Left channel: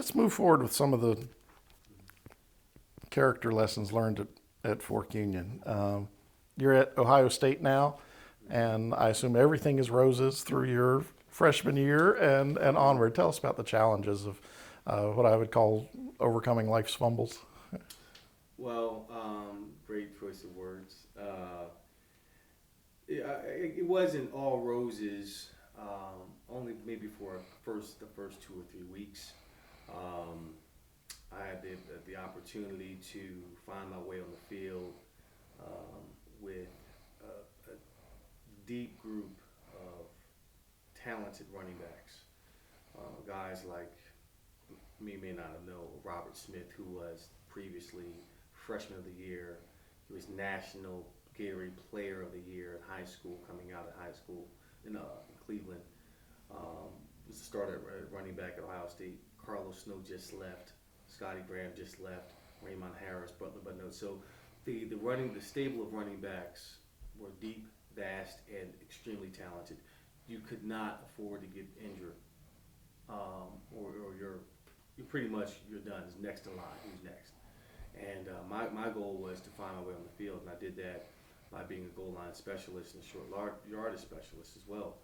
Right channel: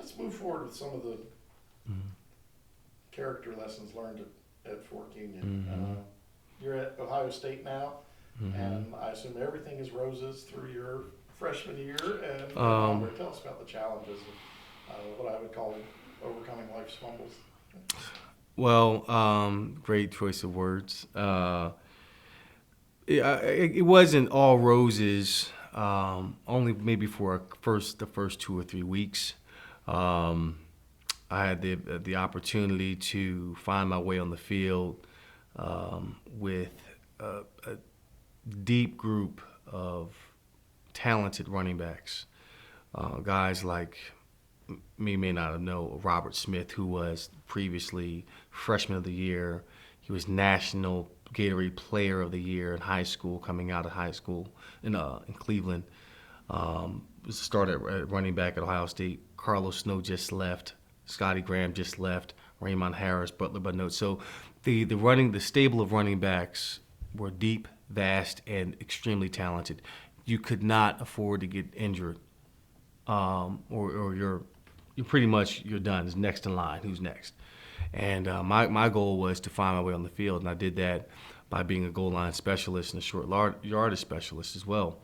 let's move forward with some of the character lessons learned at Fork Union. You're at Ohio State now, and I assume everything is roses through your freshman year and onward. Tell us about the challenges of what I would call overcoming life's fumbles. Well, great choice of words. It wasn't all roses. Only maybe for the first 2 or 3 weeks. I had the opportunity to find my way on the field with a deep group of talented running backs. Guys like me may not have known Robert Smith, who was previously freshman of the year. He was national Gatorade Player of the Year in high school, coming out of high school in Cleveland. Started at running back at Ohio State. Carlos Snow just left. Scotty Graham just left. Raymond Harris, Butler Budnote. So the stable of running backs were deep, vast, and extremely talented. You could not afford to get injured, or you're pretty much you're done. It's next in line. Who's next? And my goal was to find my way on the field, and I did that by being a goal line specialist and a short yardage specialist as well.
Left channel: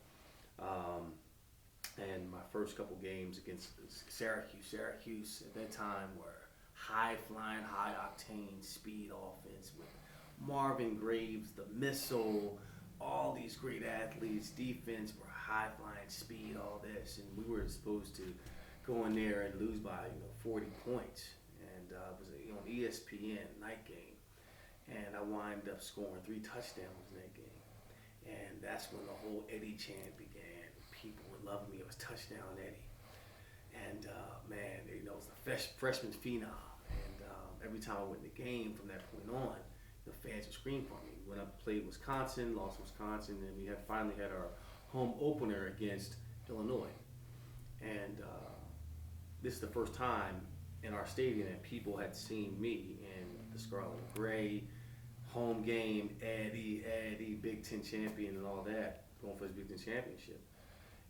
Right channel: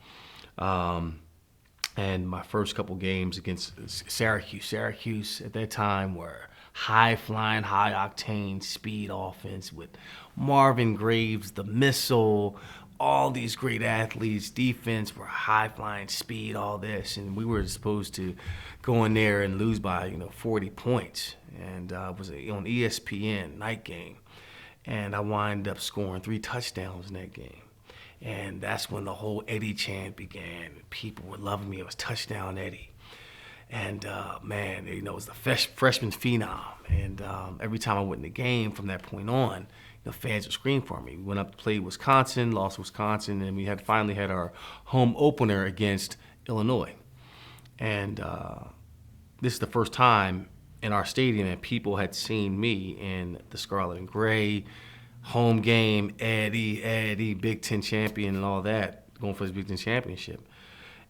And my first couple games against Syracuse at that time were high-flying, high-octane speed offense with Marvin Graves, the missile, all these great athletes. Defense were high-flying speed, all this. And we were supposed to go in there and lose by 40 points. And it was on ESPN, night game. And I wind up scoring 3 touchdowns in that game. And that's when the whole Eddie chant began. People were loving me. It was Touchdown Eddie. And, man, it was the freshman phenom. And every time I went in the game from that point on, fans would scream for me. We went up to play Wisconsin, lost Wisconsin, and we finally had our home opener against Illinois. And this is the first time in our stadium that people had seen me in the scarlet and gray, home game, Eddie, Big Ten champion and all that, going for his Big Ten championship.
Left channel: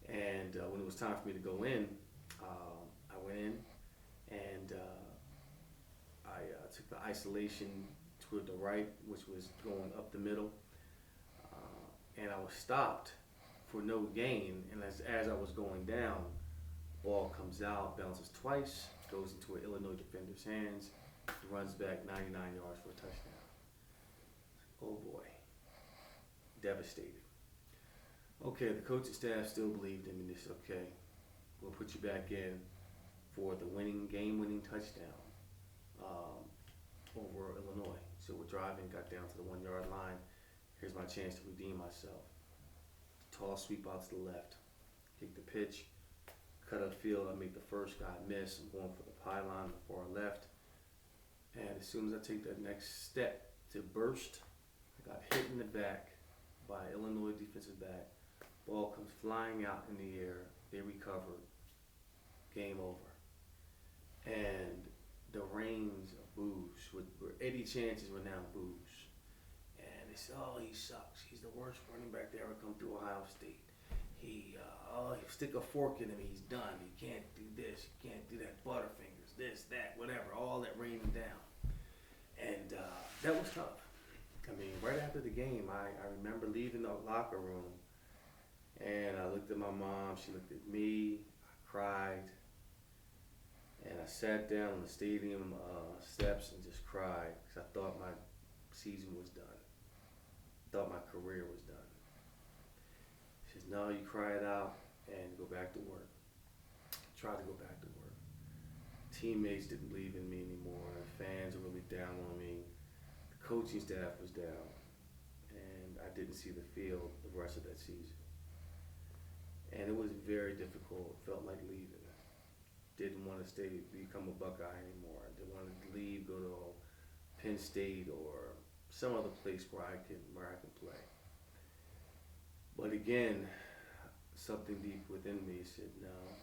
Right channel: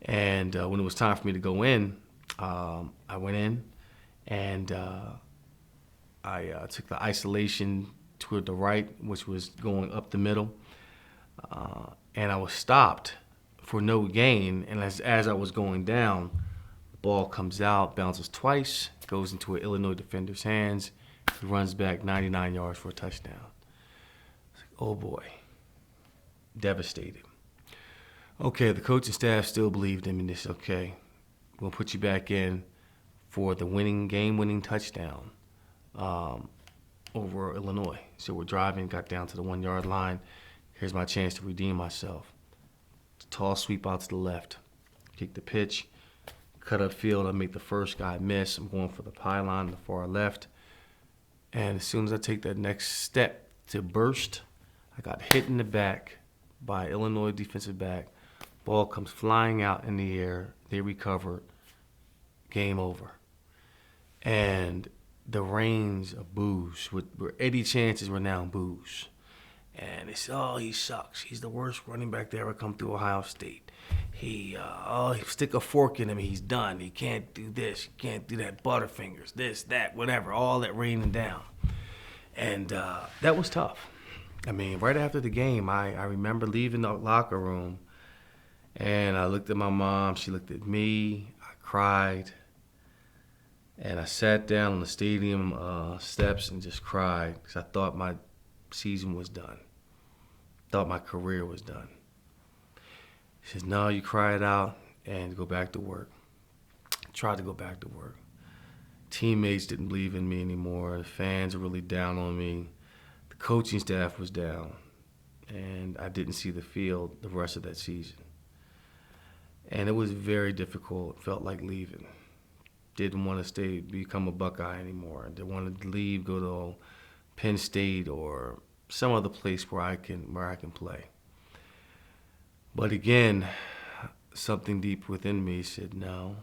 And when it was time for me to go in, I went in and I took the isolation toward the right, which was going up the middle. And I was stopped for no gain. And as I was going down, the ball comes out, bounces twice, goes into an Illinois defender's hands. He runs back 99 yards for a touchdown. Oh boy, devastated. Okay, the coaching staff still believed in me. They said, okay, we'll put you back in for the game-winning touchdown over Illinois. So we're driving, got down to the 1-yard line. Here's my chance to redeem myself. Tall sweep out to the left. Kick the pitch. Cut up field. I make the first guy miss. I'm going for the pylon on the far left. And as soon as I take that next step to burst, I got hit in the back by Illinois defensive back. Ball comes flying out in the air. They recover. Game over. And the rains of boos, where Eddie chances were now boos. And they said, oh, he sucks. He's the worst running back to ever come through Ohio State. He stick a fork in him, he's done. He can't do this, he can't do that, Butterfingers, this, that, whatever, all that raining down. And that was tough. I mean, right after the game, I remember leaving the locker room, and I looked at my mom, she looked at me, I cried, and I sat down on the stadium steps and just cried because I thought my season was done. Thought my career was done. She says, no, you cry it out and go back to work. I tried to go back to work. Teammates didn't believe in me anymore. The fans were really down on me. The coaching staff was down. And I didn't see the field the rest of that season. And it was very difficult. It felt like leaving. Didn't want to stay, become a Buckeye anymore. I wanted to leave, go to Penn State or some other place where I can play. But again, something deep within me said, no,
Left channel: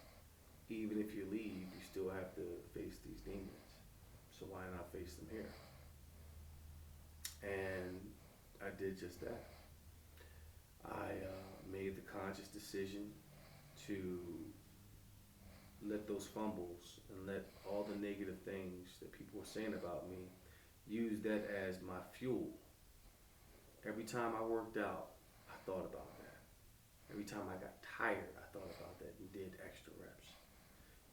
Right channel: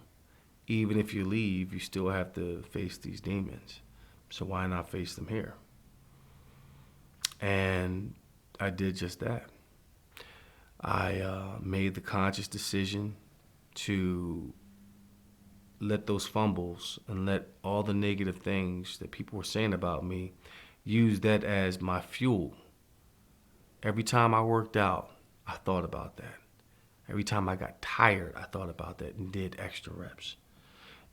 even if you leave, you still have to face these demons. So why not face them here? And I did just that. I made the conscious decision to let those fumbles and let all the negative things that people were saying about me, use that as my fuel. Every time I worked out, I thought about that. Every time I got tired, I thought about that and did extra reps.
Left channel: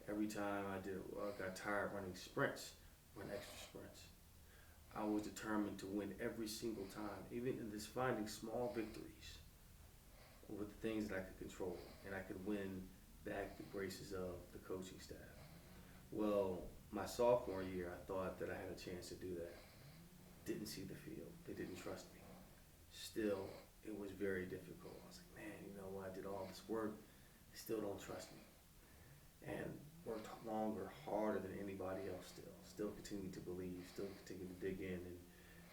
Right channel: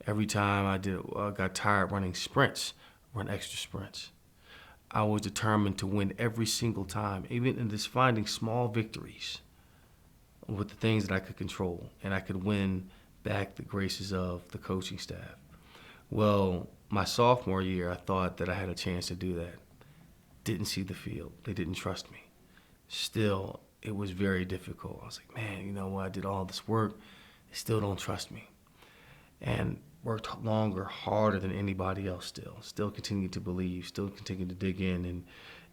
Every time I got tired running sprints, run extra sprints. I was determined to win every single time, even in just finding small victories with the things that I could control, and I could win back the graces of the coaching staff. Well, my sophomore year, I thought that I had a chance to do that. Didn't see the field. They didn't trust me. Still, it was very difficult. I was like, man, you know what? I did all this work. They still don't trust me. And worked longer, harder than anybody else still. Still continued to believe, still continued to dig in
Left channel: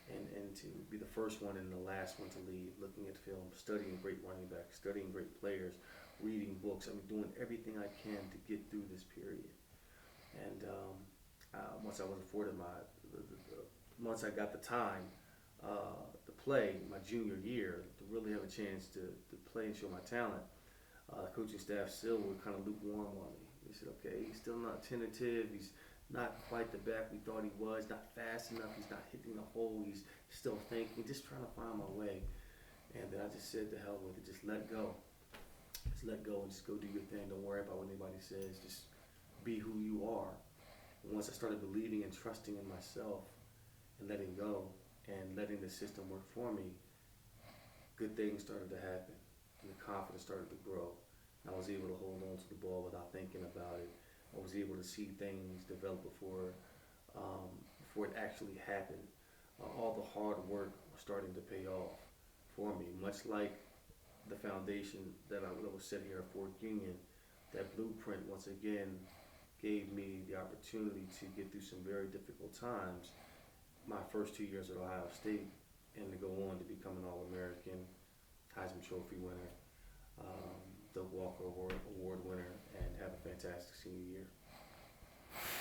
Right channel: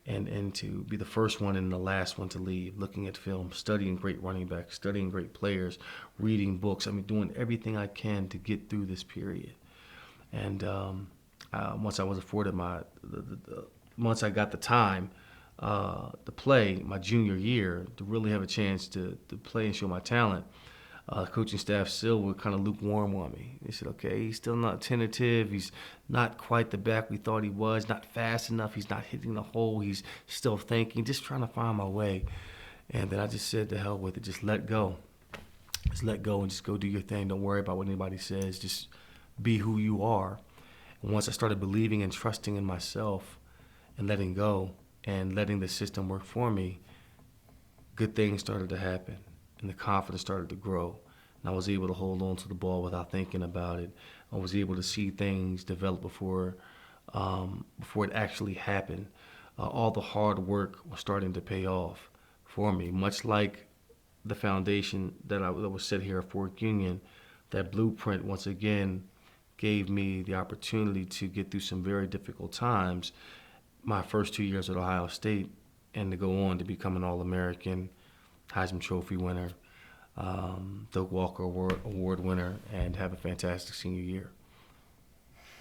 and to be the first one and the last one to leave, looking at film, studying great running backs, studying great players, reading books. I mean, doing everything I can to get through this period. And once I was afforded once I got the time to play my junior year, to really have a chance to play and show my talent, coaching staff still were kind of lukewarm on me. They said, okay, he's still not tentative. He's not quite the back we thought he was, not fast enough. He's not hitting the hole. He's still thinking, just trying to find my way. And then I just said, to hell with it. Just let go. Just let go and just go do your thing. Don't worry about what anybody says. Just be who you are. And once I started believing and trusting in myself and letting go and letting the system work for me, good things started to happen. And the confidence started to grow. And I was able to hold on to the ball without thinking about it. I was able to see things develop before it actually happened. All the hard work was starting to pay off for me, much like the foundation that was set here at Fort Union. That blueprint, once again, gave me the opportunity to get through some very difficult times my first 2 years at Ohio State, and to go on to become an All-American, Heisman Trophy winner, Doak Walker Award winner, and have a fantastic senior year.